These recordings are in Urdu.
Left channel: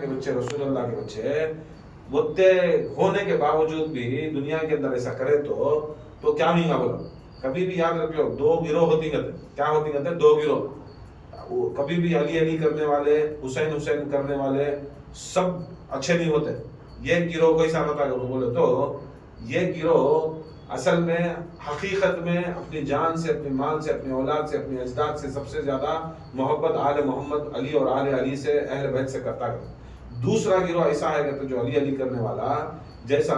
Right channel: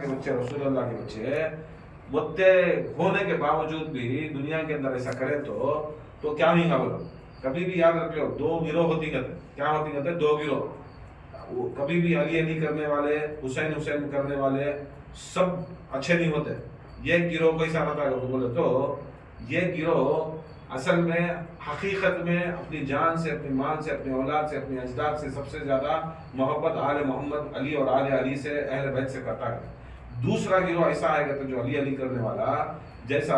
کے بچے رسول اللہ کے بچے متے ہونے کے باوجود بھی دنیا کے اندر ایسا کرے تو کیا نہیں بولو. کبھی بھی یاد رکھو دو گروہ ہوتی ہیں. کیا ہوتی ہیں؟ دو گروہ. کبھی بھی علی علی کرنے والے، حسین حسین کرنے والے سب اچھے نہیں ہوتے. یہ گروہ کیسا ہوتا ہے بولے تو یہ گروہ اصل میں حقیقت میں اپنی جان سے، اپنی مال سے، اپنی اولاد سے، اپنی اجداد سے سب سے زیادہ محبت آل محمد علی اور آل علی سے، اہل بیت سے کرتا ہے. دوسرا گروہ ایسا ہے جو علی علی کرنے والا، جیسا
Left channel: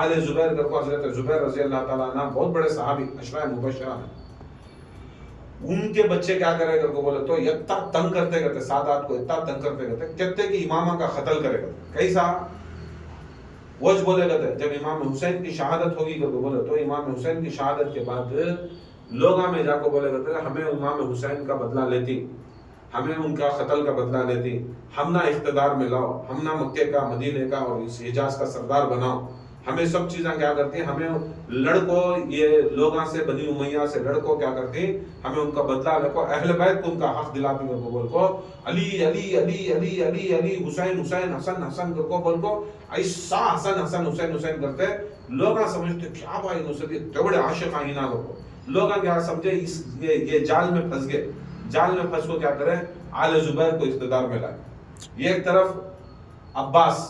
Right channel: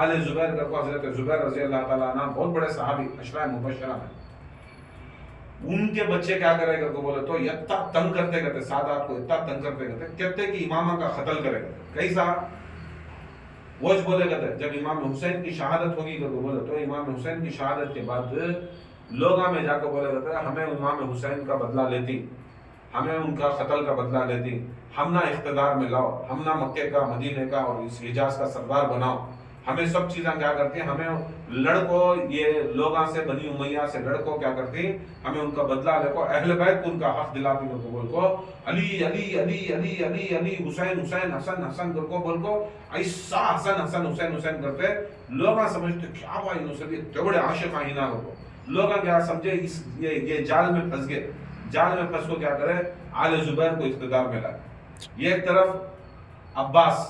آل زبیر کر کو حضرت زبیر رضی اللہ تعالیٰ عنہ بہت بڑے صحابی عشرہ مبشرہ ہیں. ان کے بچے کیا کرے کر کو بولے تو اتنا تنگ کرتے سادات کو اتنا تنگ کرتے کہتے کہ امامہ کا قتل کرے کرتے. کیسا وجہ بولے کرتے جب امام حسین کی شہادت ہوگی کر کو بولے تو امام حسین کی شہادت کے بعد لوگاں میں جا کو بولے کرتے ہمیں امام حسین کا بدلہ لیتی، ہمیں ان کا قتل کا بدلہ لیتی، ہم نہ اقتدار میں لاؤ، ہم نہ مکے کا، مدینے کا اور اس حجاز کا سردار بناؤ. ہمیں سب چیزیں کیا کرتی ہیں، ہمیں لڑکو یہ لوگاں سے، بنی امیہ سے لڑکو کیا کرتی، ہمیں ان کا بدلہ لے کو اہل بیت کو ان کا حق دلاتی کر کو بول کو علی علی علی علی علی علی حسین حسین حسن حسن کر کو بول کو ایسا حسن حسن حسین حسین کرتے لوگاں سمجھتے کیا بھائی نصرت اتنے بڑے عاشق ہیں نہ کو. لوگاں کیا سمجھے یہ جال میں پھنس گئے. جال میں پھنس کو کیا کرے آل زبیر کو اقتدار میں لائے. یہ ایک طرف عباس،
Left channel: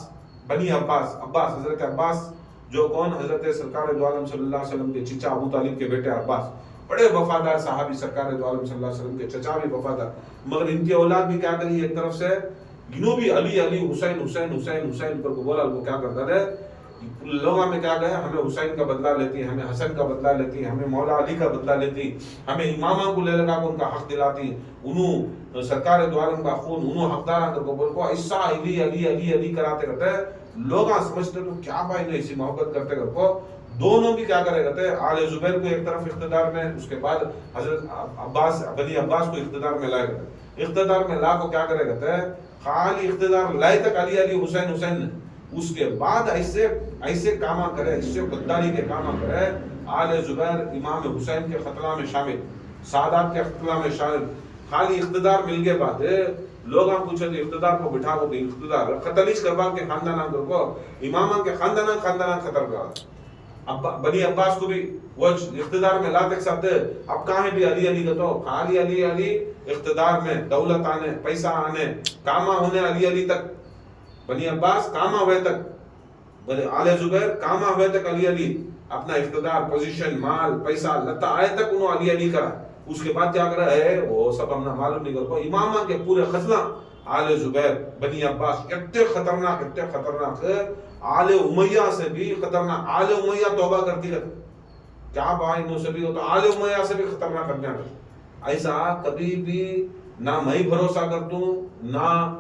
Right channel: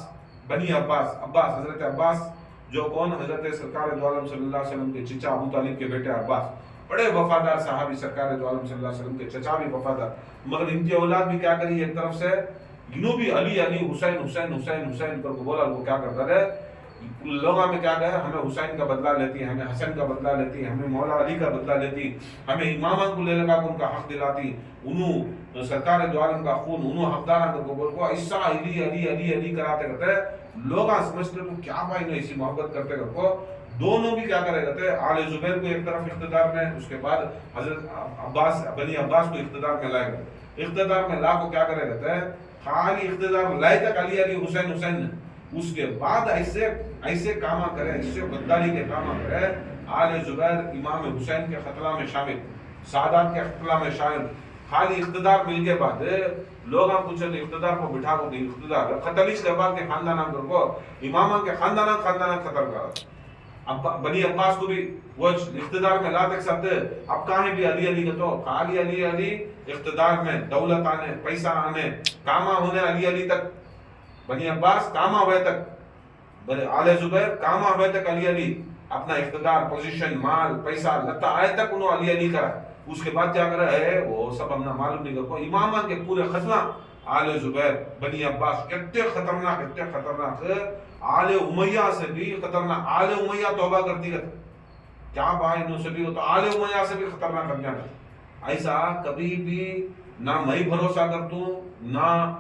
بنی عباس، حضرت عباس جو کون حضرت سرکار دو عالم صلی اللہ علیہ وسلم کے چچا ابو طالب کے بیٹے عباس، بڑے وفادار صحابی، سرکار دو عالم صلی اللہ علیہ وسلم کے چچا بھی وفادار، مگر ان کی اولاد بھی کیا کری ایک طرف سے جنوبی علی علی حسین حسین حسین حسین کر کو بولا. وہ کیا کرتا رہے لوگوں میں کیا گئے ہمیں حسین کا بدلہ لیتی، ہمیں حسن کا بدلہ لیتی، ہمیں مولا علی کا بدلہ لیتی، ہمیں امامہ کو لے لگا کو ان کا حق دلاتی، انہوں سرکار دو عالم کا خون انہوں حقدار کر کو بول کو ایسا علی علی علی علی کراتے رہتے. لوگ سمجھتے تو کیا بھائی نے ایسی محبت کرتے کر کو. دونوں بھی کیا کرے رہتے آل زبیر کو ایک طرف اقتدار میں، اس کے بعد حضرت عباس بنی عباس کو اقتدار میں لائے گئے. اقتدار میں لا کو کیا کرے رہتے ہیں خالی اقتدار لائے تک علی علی حسین حسین، اس کے بعد ایسے کاما کرے، ایسے غداری کے کاما کرے. آل زبیر امام حسین کے قتلہ میں شامل، سادات کے قتلہ میں شامل. خالی اقتدار مل کے بعد لوگ پوچھے اقتدار کو بٹھا کو دی اقتدار قتلیش کے بعد کے خاندان کو امامہ کے خاندان قتل کرا. اب بنی عباس کو بھی وہ اقتدار میں لا تک سکتے. اب کہاں بھی علی علی کا تو خالی علی علی اقتدار میں، دولت آنے، پیسہ آنے، کاما ہونے علی علی تک. بنی عباس کاما ہوئے تک، آل زبیر کاما ہوئے تک علی علی اپنا اقتدار، پوزیشن، مال، پیسہ لتا آئے تک انہوں علی علی کرا. اس کے بعد کیا کرا ہے وہ سب ہم نے معلوم نہیں کرو. امامہ کے پورے خزنہ آل زبیر بنی عباس کتنے خطرناک آل امیہ سے بھی خطرناک. آل امیہ توبہ کرتی رہتی، کیا بھائی نو سے بھی ہوتا آل امیہ سے بھی خطرناک کرنے رہتی. ایسا کبھی بھی نہ میں بھروسہ کرتوں نہ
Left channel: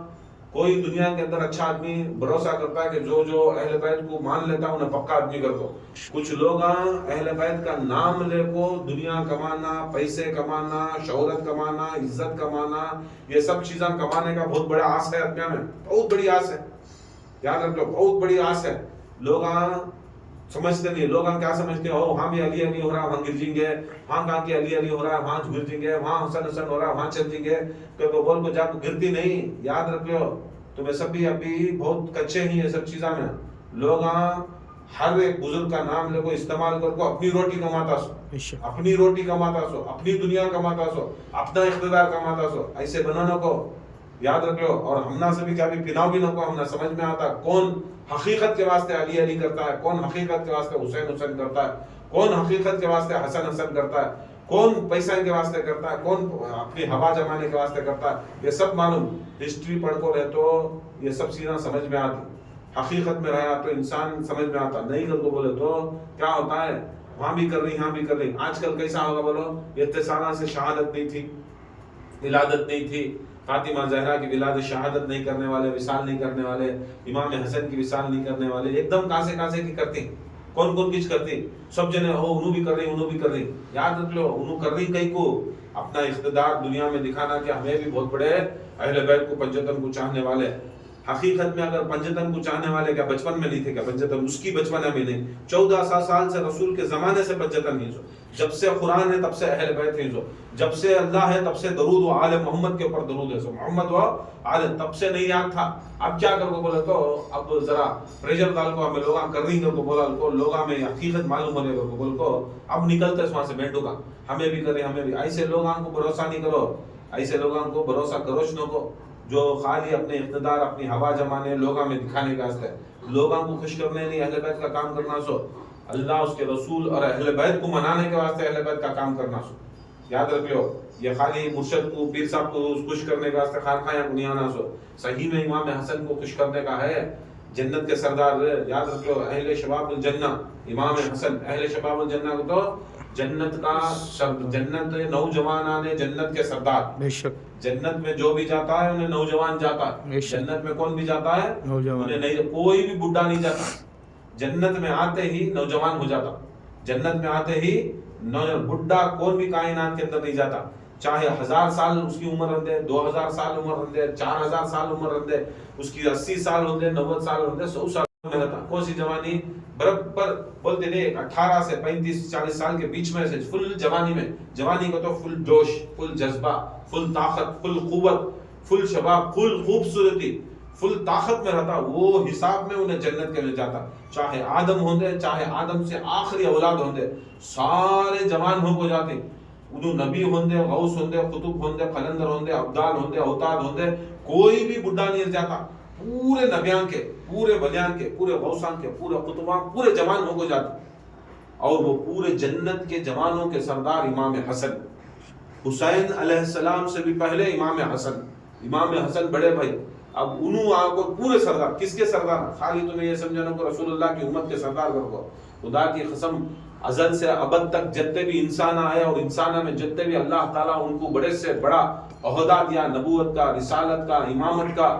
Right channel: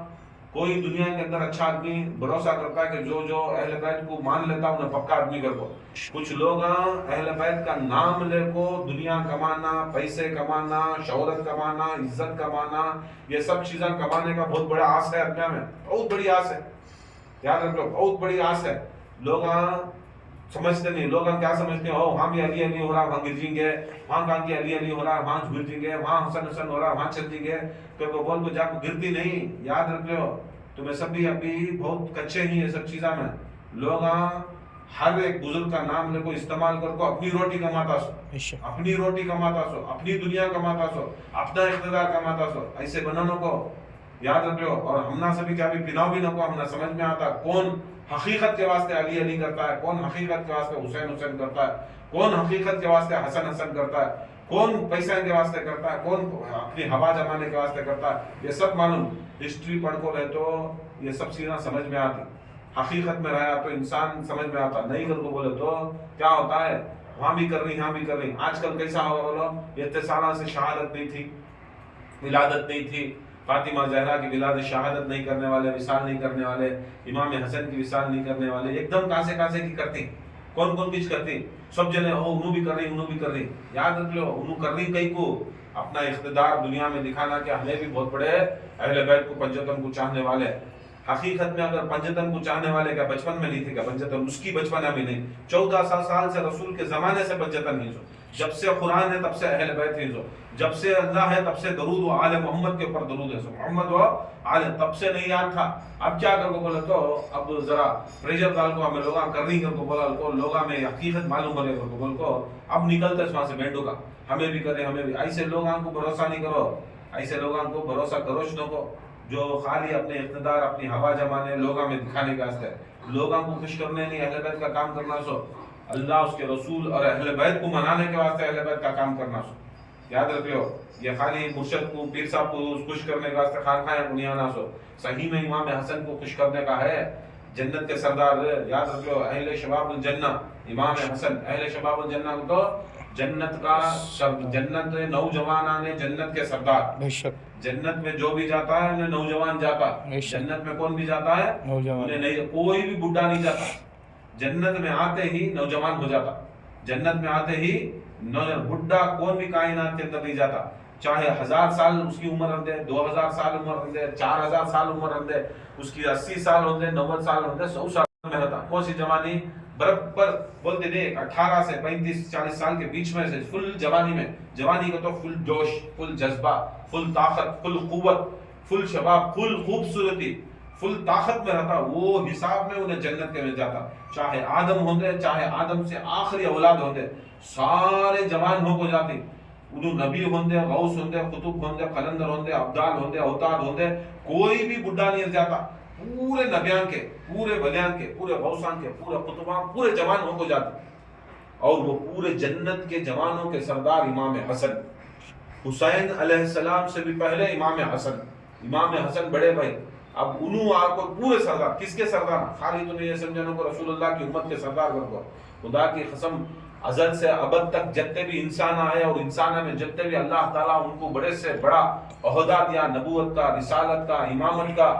کوئی دنیا کے اندر اچھا آدمی بھروسہ کرتا ہے کہ جو اہل بیت کو مان لیتا انہیں پکا آدمی کر کو. کچھ لوگ اہل بیت کا نام لے کو دنیا کمانا، پیسے کمانا، شہرت کمانا، عزت کمانا، یہ سب چیزیں کمانے کا بہت بڑا آس ہے اپنے میں، بہت بڑی آس ہے. یاد رکھو بہت بڑی آس ہے. لوگ سمجھتے نہیں. لوگ کیا سمجھتے ہیں وہاں بھی علی علی ہو رہا وہاں گر جیں گے، وہاں کہاں کی علی علی ہو رہا ہے وہاں گر جیں گے، وہاں حسن حسن ہو رہا ہے وہاں چل جیں گے. تو بول کو جا کو گرتی نہیں. یاد رکھو تمہیں سب بھی ابھی بہت کچے ہی ہیں سب چیزاں میں. لوگ ہر ایک بزرگ کا نام لے کو استعمال کر کو اپنی روٹی کماتا سو، اپنی روٹی کماتا سو، اپنی دنیا کماتا سو، اپنا اقتدار کماتا سو. ایسے بنانا کو یاد رکھو. اور ہمنا سے بھی کیا بھی پناؤ بھی نہ کو. ہمنا سمجھ میں آتا کون حقیقت کے واسطے علی علی کرتا ہے، کون حقیقت کے واسطے حسین حسین کرتا ہے، کون حقیقت کے واسطے حسن حسن کرتا ہے، کون پیسہ کے واسطے کرتا ہے، کون اپنی ہوا جمانے کے واسطے کرتا ہے. یہ سب معلوم. ہسٹری پڑھ کو رہے تو یہ سب چیزیں سمجھ میں آتی. حقیقت میں رہنا تو انسان سمجھ میں آتا. نہیں کر کو بولے تو کیا ہوتا ہے وہاں بھی کر رہی یہاں بھی کر رہی. آج کل کیسا ہوگا بولو، اتصالہ سے شہادت نہیں تھی، ولادت نہیں تھی، فاطمہ زہرا کی ولادت شہادت نہیں کرنے والے، وصال نہیں کرنے والے، امام حسن کی وصال نہیں کرنے والے ایک دم کاسے کی کرتی. کون کچھ کرتی سب جنے انہوں بھی کر رہی انہوں بھی کر رہی. یاد رکھ لو انہوں کر رہی کئی کو اپنا اقتدار دنیا میں دکھانا کہ ہمیں بھی بہت بڑے اہل بیت کو پنجتن کو چاہنے والے. حقیقت میں اگر پنجتن کو چاہنے والے کیا بچپن میں نہیں تھے کیا پنجتن اس کی بچپن میں نہیں 1400 سال سے رسول کے زمانے سے پنجتن نہیں سو جب سے قرآن ہے تب سے اہل بیت نہیں سو جب سے اللہ ہے تب سے درود و آل محمد کے اوپر درود ہے سو محمد و آل تب سے نہیں یاد تھا اب کیا کر کو بولا تو اب ذرا پریشر ڈال کو ہمیں لوگاں کر نہیں کر کو بولا تو لوگاں میں حقیقت معلوم ہونے کو بول کو اب نکلتے اس وہاں سے مینڈو کا ہمیں بھی کرے ہمیں بھی ایسے لوگاں کو بھروسہ نہیں کرو ایسے لوگاں کو بھروسہ کروش نہ کو جو خالی اپنے اقتدار اپنی ہوا جمانے لوگاں میں دکھانے کا واسطے لوگوں کو خوش کرنے نہیں اہل بیت کا کام کرنا سو اللہ اس کے رسول اور اہل بیت کو منانے کے واسطے اہل بیت کا کام کرنا سو یاد رکھ لو یہ خالی مرشد کو پیر صاحب کو خوش کرنے کے واسطے خانقاہیں بنیانا سو صحیح میں امام حسن کو خوش کرنے کا ہے جنت کے سردار یاد رکھ لو اہل شباب الجنہ امام حسن اہل شباب الجنہ کو تو جنت کا جنت نوجوانان جنت کے سردار بے شک جنت میں جو بھی جاتا ہے انہیں نوجوان جاتا ہے جنت میں کون بھی جاتا ہے نوجوان نہیں کوئی بھی بڈھا نہیں جاتا جنت میں آتے ہی نوجوان ہو جاتا جنت میں آتے ہی بڈھا کون بھی کائنات کے اندر نہیں جاتا چاہے 1000 سال اس کی عمر رہندے 2000 سال عمر رہندے 4000 سال عمر رہندے اس کی 80 سال ہوندے 90 سال ہوندے 100 سال میں رہتا کون سی جوانی برابر بولتے تھے 18 سے 35 40 سال کے بیچ میں سے فل جوانی میں جوانی کو تو فل جوش فل جذبہ فل طاقت فل قوت فل شباب فل خوبصورتی فل طاقت میں رہتا وہ حساب میں انہیں جنت کے میں جاتا چاہے آدم ہوندے چاہے آدم سے آخری اولاد ہوندے سارے جوان ہو کو جاتے انہوں نبی ہوندے غوث ہوندے قطب ہوندے قلندر ہوندے ابدال ہوندے اوتاد ہوندے کوئی بھی بڈھا نہیں جاتا پورے نبیان کے پورے ولیان کے پورے غوثان کے پورے قطبان پورے جوان ہو کو جاتے اور وہ پورے جنت کے جوانوں کے سردار امام حسن حسین علیہ السلام سے بھی پہلے امام حسن بڑے بھائی اب انہوں آپ کو پورے سردار کس کے سردار خالی تمہیں یہ سمجھنا کو رسول اللہ کی امت کے سردار کرو خدا کی قسم ازل سے ابد تک جتنے بھی انسان آئے اور انسان میں جتنے بھی اللہ تعالیٰ ان کو بڑے سے بڑا عہدہ دیا نبوت کا رسالت کا امامت کا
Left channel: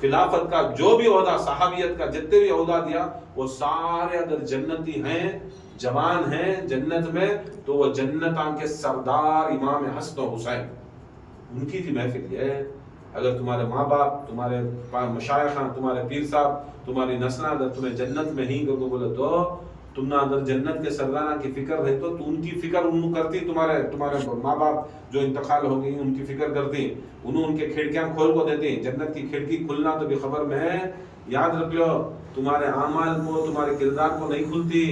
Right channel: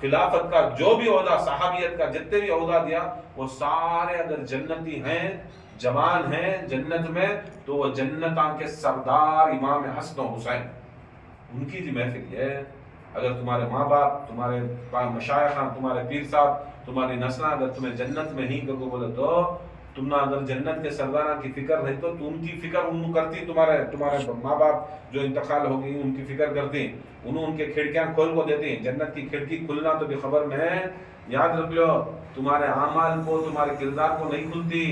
خلافت کا جو بھی عہدہ صحابیت کا جتنے بھی عہدہ دیا وہ سارے اگر جنتی ہیں جوان ہیں جنت میں تو وہ جنتاں کے سردار امام حسن و حسین ان کی بھی محفل ہے اگر تمہارے ماں باپ تمہارے مشائخاں تمہارے پیر صاحب تمہاری نسلیں اگر تمہیں جنت میں ہی کرو بولے تو تم نہ اگر جنت کے سرداروں کی فکر ہے تو ان کی فکر ان کرتی تمہارے ماں باپ جو انتقال ہو گئی ان کی فکر کرتی انہوں ان کے کھڑکیاں کھول کو دیتی جنت کی کھڑکی کھلنا تو بے خبر میں ہے یاد رکھ لو تمہارے اعمال کو تمہارے کردار کو نہیں کھلتی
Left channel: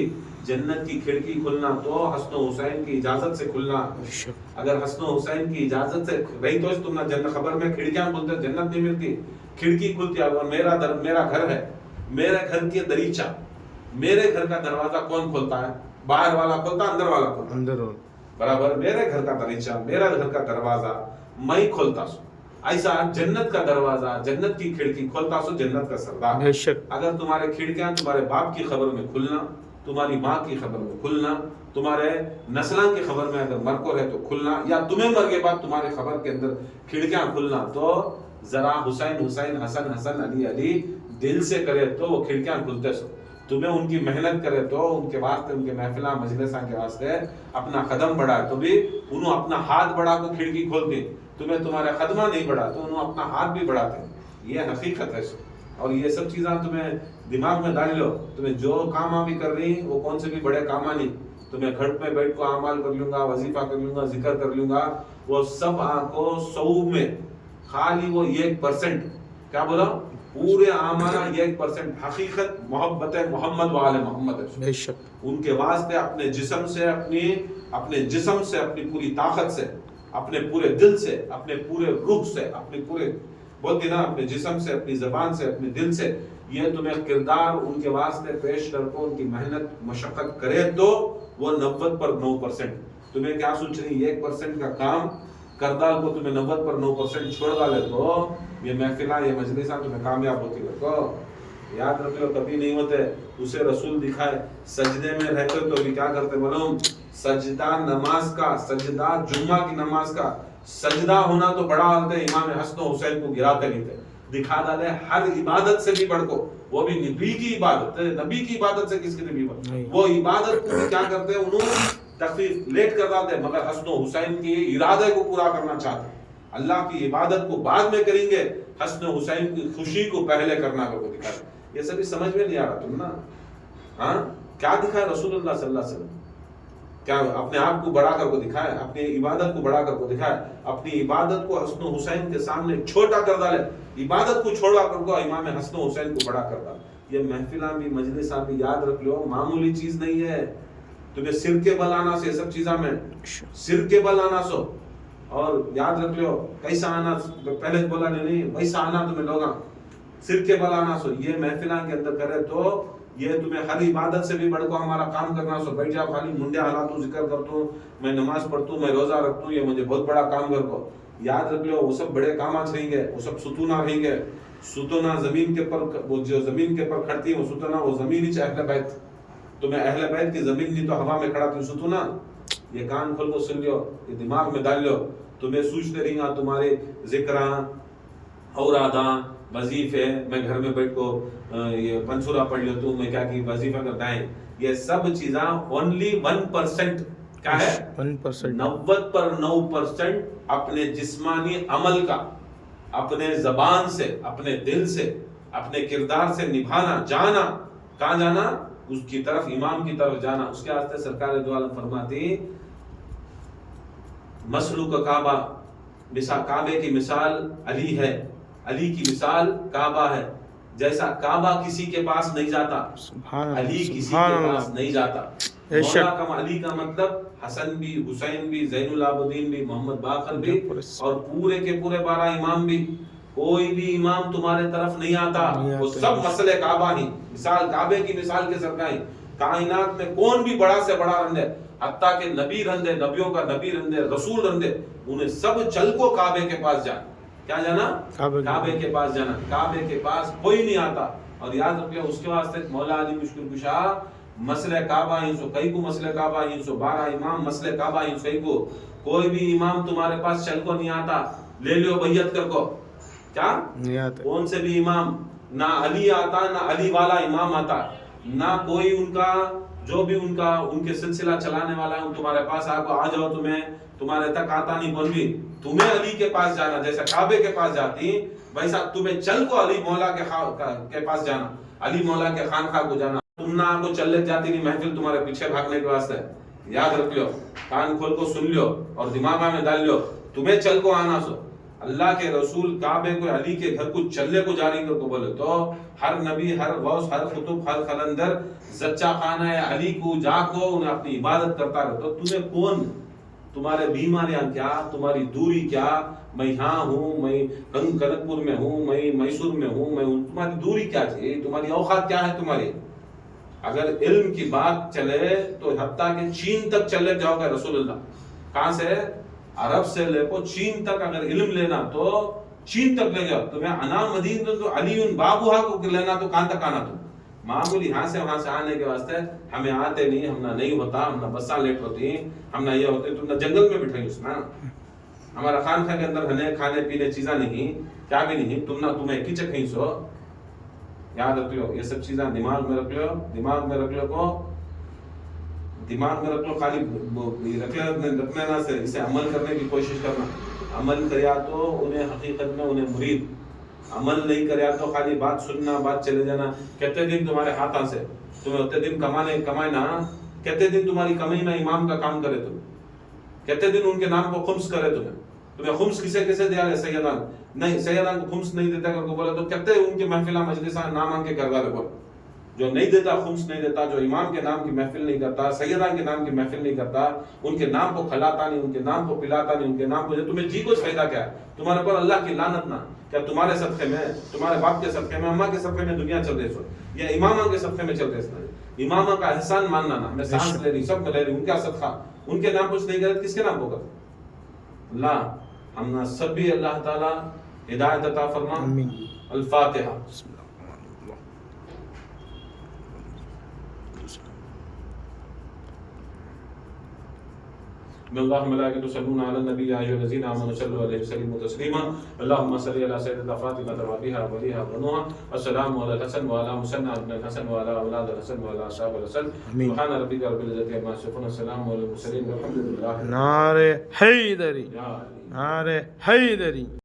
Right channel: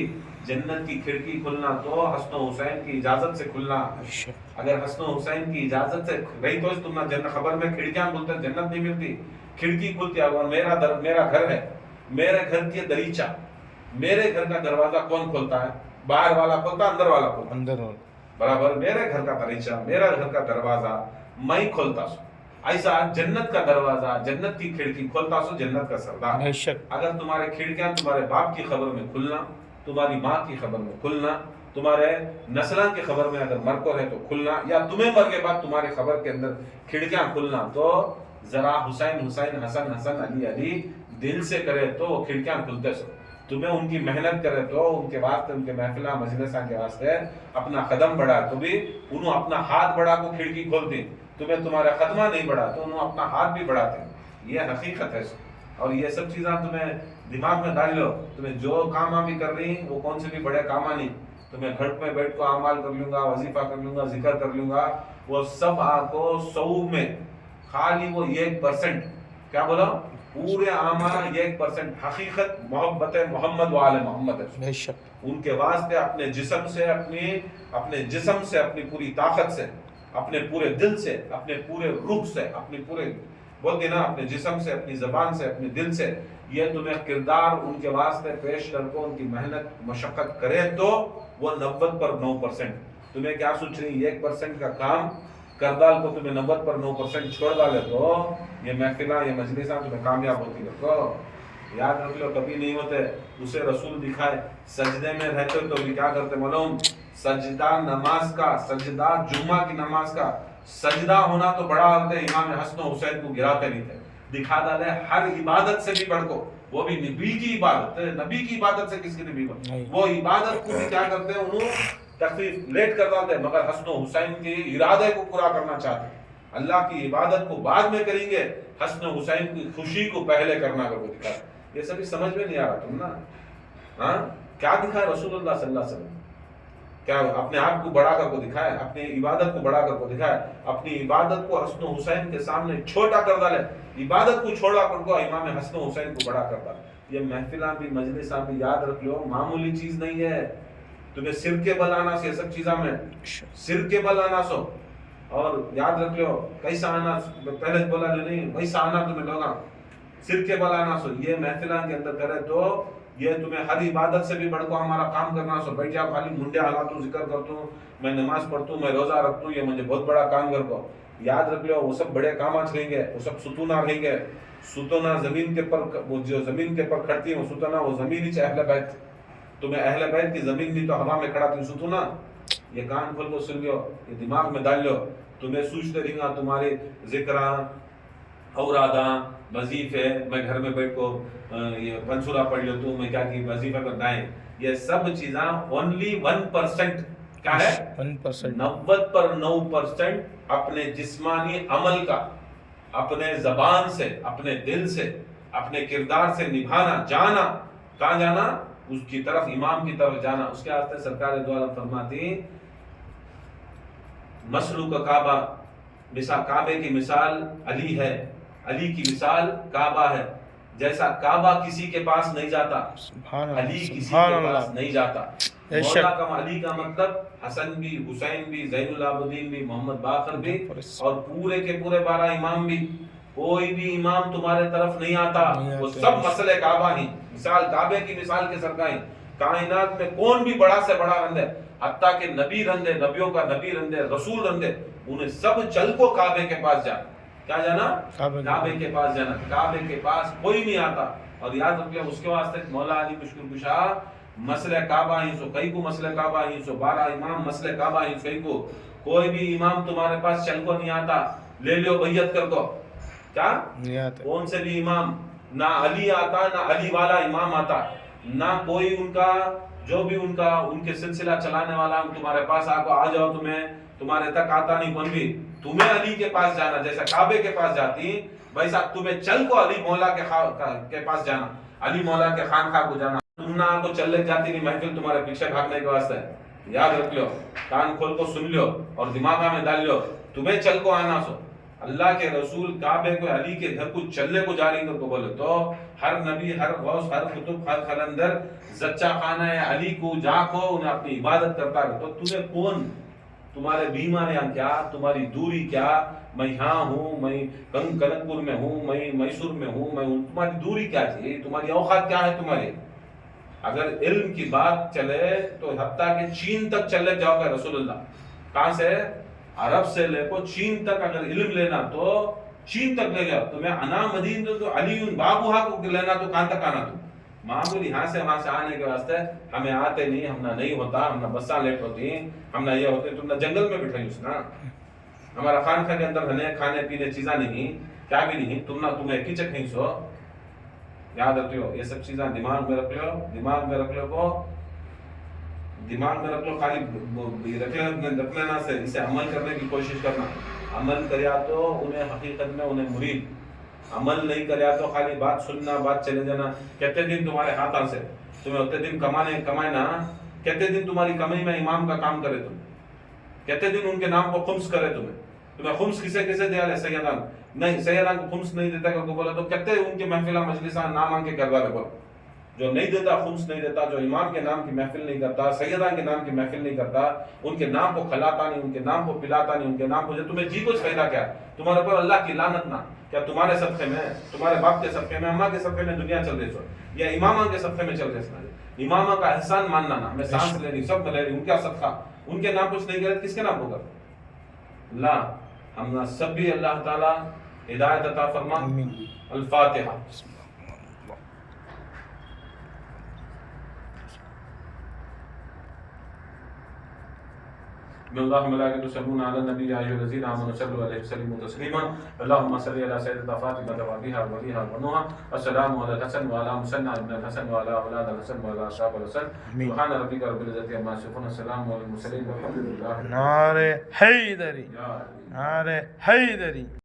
جنت کی کھڑکی کھلنا تو حسن و حسین کی اجازت سے کھلنا اگر حسن و حسین کی اجازت سے رہی تو تم نہ جنت خبر میں کھڑکیاں کھلتے جنت نہیں ملتی کھڑکی کھلتی اگر میرا گھر ہے میرے گھر کی دریچہ میرے گھر کا دروازہ کون کھولتا ہے باہر والا کھولتا اندر والا کھولتا اندر برابر میرے گھر کا دریچہ میرا گھر کا دروازہ میں کھولتا سو ایسا جنت کا دروازہ جنت کی کھڑکی کھولتا سو جنت کا سردار اگر تمہارے کھڑکیاں تمہارے باپ کی خبر میں کھلنا تمہاری ماں کی خبر میں کھلنا تمہارے نسلان کی خبر میں اگر مر کو ہے تو کھلنا یا تمہیں مر کے بعد تمہاری خبر کے اندر کھڑکیاں کھلنا تو ذرا حسین حسین حسن حسن علی علی دل سے کرے تو وہ کھڑکیاں کھلتے سو تمہیں ان کی محنت کرے تو ان کے واسطے ان کے محفلہ مجلساں کے واسطے اپنا قدم بڑھائے تو بھی انہوں اپنا ہاتھ بڑھا کو کھڑکی کھولتے تمہیں تمہارا قدمہ نہیں بڑھا تو انہوں اپنا ہاتھ بھی بڑھاتے یہ حقیقت ہے اور یہ سب چیزاں تمہیں دماغ میں ڈال لو تمہیں جو کام بھی کر رہی وہ کون سے بھی بڑے کام نہیں تمہیں گھر میں بیٹھ کو اعمال کر لوں گا وظیفہ کر لوں گا ذکر کر لوں گا وہ سب کو 100 میں خالی وہ 1% کیا بولو پورے اعمال 1% حقیقت محبت محمد و آل محمد ہے ان کے واسطے اپنے جسم سے اپنی پوری طاقت سے اپنے پورے دل سے اپنے پورے روح سے اپنے پورے بولتے نا اپنے جسم سے اپنی زبان سے اپنے دل سے یہ تمہیں کردار ان کے واسطے پیش کر کو ان کی محنت مشقت کرے تو وہ 90 پر 9% تمہیں کیا سوچ رہی 1% کا کام کردال کو تمہیں 90 پر 9% چھوڑ ڈالے تو یہ محفلہ یہ مجلساں تمہیں کامیاب ہوتی ہے تو یاد رکھ لو کبھی نہیں ہوتے اسے رسول دکھائے سجدے میں رہتے تو بھی کیا کرتے معلوم سجدہ نماز کا سجدہ جمعہ کی نماز کا سجدہ ہونا تو بڑا ہوتا ہے امام حسن و حسین کو گراتے نہیں تھے دکھا ڈالے ہر عبادت سے بھی بڑھ کو وہ بھی نبی کی عبادت نبی کی عبادت سے کس کی نبی وہ عبادت کو بھی کیا کرتے ہیں انہوں تخفیف لیٹ کر ڈالتے مگر حسن و حسین کی ارادے کو پورا کرنا چاہتے اللہ کی عبادت کو بعد میں کریں گے, حسن حسین کی خوشی کو پہلے کرنا کر کو دکھایا. یہ سبھی سمجھ میں نہیں آ رہا تم نا. ہاں کیا دکھایا رسول اللہ صلی اللہ علیہ وسلم؟ کیا اپنے آپ کو بڑا کر کو دکھایا, اپنی عبادت کو بڑا کر کو دکھایا, اپنی عبادت کو حسن و حسین کے سامنے چھوٹا کر ڈالے, عبادت کو چھوڑا کر کو امام حسن و حسین کو بڑا کر ڈالے. یہ محفلہ بھی مجلساں بھی یاد رکھ لو معمولی چیز نہیں ہے. تمہیں سر کے بل آنا سے سب چیزاں میں سر کے بل آنا سو, اور یاد رکھ لو کیسا آنا, پہلے بولا نہیں ویسا آنا تمہیں لوگا سر کے بل آنا سو. یہ محفلہ کے اندر کرے تو یہ تمہیں ہر عبادت سے بھی بڑھ کو ہمارا کام کرنا سو. بیٹھا خالی منڈے حالاتوں ذکر کرتا ہوں, میں نماز پڑھتا ہوں, میں روزہ رکھتا ہوں, یہ مجھے بہت بڑا کام کر کو. یاد رکھ لو وہ سب بڑے کامات رہیں گے, وہ سب ستونہ رہیں گے. ستونہ زمین کے پر, وہ جو زمین کے پر کھڑتی ہے وہ ستونہ, وہ زمین ہی اہل بیت. تمہیں اہل بیت کی زمین نہیں تو ہوا میں کھڑا تھی ستونہ. یہ کان کھول کو سن لو, یہ دماغ میں ڈال لو. تمہیں سوچتے رہیں گا تمہارے ذکراں اوراداں وظیفے, میں گھر میں بیٹھ کو یہ پنچورا پڑھ لو تو میں کیا کی وظیفہ کرتا ہے. یہ سب چیزاں only 1% کیا ہے, 90% اپنے جسمانی عمل کا اپنے زبان سے, اپنے دل سے, اپنے کردار سے نبھانا, جانا. کہاں جانا؟ اس کی طرف, امام کی طرف جانا. اس کے واسطے سرکار دو عالم فرماتی مسلو کا کعبہ, مثال کعبے کی مثال علی ہے, علی کی مثال کعبہ ہے. جیسا کعبہ کسی کے پاس نہیں جاتا, علی کسی کے پاس نہیں جاتا. مولا کا علی کا مطلب حسن بھی, حسین بھی, زین العابدین بھی, محمد باقر بھی, اور پورے کے پورے 12 امام بھی. کوئی بھی امام تمہارے طرف نہیں آتا, وہ سب مسئلے کعبہ ہی. مثال کعبے کی مثال کے سرکائیں. کائنات میں کون بھی بڑا سے بڑا رندے, حتیٰ کہ نبی رندے, نبیوں کا نبی رندے, رسول رندے, انہیں سب چل کو کعبے کے پاس جانا. کیا جانا؟ کعبے کے پاس جانا. کعبے کے پاس کوئی نہیں آتا. اور یاد رکھ لیں اس کے واسطے مولا علی مشکل کشا مسئلہ کعبہ ہی سو, کئی کو مسئلہ کعبہ ہی سو, 12 امام مسئلہ کعبہ ہی سو. کو کوئی بھی امام تمہارے پاس چل کو نہیں آتا, لے لو بیعت کر کو. کیا نہیں آتا کون سے بھی امام, نہ علی آتا, نہ علی والا امام آتا, نہ کوئی ان کا جو بھی ان کا ان کے سلسلہ چلانے والا تمہارے پاس آ جاؤ, تمہارے تک آتا نہیں کون بھی. تمہیں علی کے پاس جانا, جیسا کعبے کے پاس جاتی ویسا تمہیں چل کو علی مولا کے پاس جانا, علی مولا کے خانقاہ کو جانا. تم نہ کو چل لے جاتی نہیں محفل تمہارے پیچھے بھاگنے کے واسطے. یاد رکھ لو, کان کھول کو سن لو اور دماغ میں ڈال لو, تمہیں چل کو آنا سو. اللہ کے رسول کعبے کو, علی کے گھر کو چلنے کو جاری کر کو بولے تو ہر نبی, ہر غوث, ہر قطب, ہر قلندر زچہ خانہ علی کو جا کو انہیں اپنی عبادت کرتا ہے. تو تمہیں کون, تمہارے بیماریاں کیا, تمہاری دوری کیا, میں یہاں ہوں, میں کنک پور میں ہوں, میں میسور میں ہوں, میں تمہاری دوری کیا چاہیے, تمہاری اوقات کیا ہے تمہاری. اگر علم کی بات چلے تو حتیٰ کہ چین تک چلے جاؤ گے رسول اللہ. کہاں سے؟ عرب سے لے کو چین تک. اگر علم لینا تو چین تک لے گیا. تمہیں انا مدین تو علی بابوہا کو لینا تو کہاں تک آنا. تم معمولی یہاں سے وہاں سے آنے کے واسطے ہمیں آتے نہیں, ہم نہ نہیں ہوتا, ہم نہ بساں لیٹ ہوتی ہیں, ہم نہ یہ ہوتے, تم نہ جنگل میں بٹھائی اس نا. ہمارا خانقاہ کے اندر ہمیں کھانے پینے چیزاں نہیں, کیا بھی نہیں, تم نہ تمہیں کی چکیں سو. یاد رکھو یہ سب چیزاں دماغ میں رکھ لو, دماغ میں رکھ لو کو, دماغ میں رکھ لو. خالی رکھ لینا سے اسے عمل کرنے کی کوشش کرنا. عمل کریا تو انہیں حقیقت میں انہیں مرید, عمل نہیں کریا تو خالی بات سننا, بات چلے جانا. کتنے دن تمہارے ہاتھاں سے, تمہیں اتنے دن کمائے نا, کتنے دن تمہاری کمی میں امام کا کام کرے, تم کتنے دن ان کے نام کو خمس کرے. تمہیں خمس کسے دیا ہے؟ سیدان نہیں, سیدان کو خمس نہیں دیتا کر بولا تو کتنے ان کے محفلہ مجلسان نام کے کردار ہے. بول جو نہیں دیتا, خمس نہیں دیتا, جو امام کے نام کی محفل نہیں کرتا, سیدان کے نام کی محفل نہیں کرتا, ان کے نام کو کھلاتا نہیں, ان کے نام کو پلاتا نہیں, ان کے نام کو, تمہیں جی کچھ فائدہ کیا ہے تمہارے پر؟ اللہ کی لعنت نہ. کیا تمہارے صدقے میں, تمہارے باپ کے صدقے میں, اماں کے صدقے میں دنیا چل رہی سو, یا امامہ کے صدقے میں چل رہی سو؟ امامہ کا احسان ماننا نا, میں سانس لے رہی, سب لے رہی, ان کا صدقہ, ان کے نام کچھ نہیں کرے, کس کے نام ہوگا؟ اللہ ہم سب بھی اللہ تعالی ہدایت عطا فرما. الفاتحہ. ان اللہ ملائکۃ یصلون علی النبی یا ایھا الذین آمنوا صلوا علیہ وسلموا تسلیما اللهم صل علی سیدنا فاطمہ وابیہا ولیہا ونوحا السلام علی الحسن وعلی مسنى ابن الحسن وعلی اولاد الحسن وعلی اصحاب الحسن سبحان ربک رب العزۃ عما یصفون السلام علی المرسلین والحمد للہ. نعرہ حیدری، نعرہ حیدری.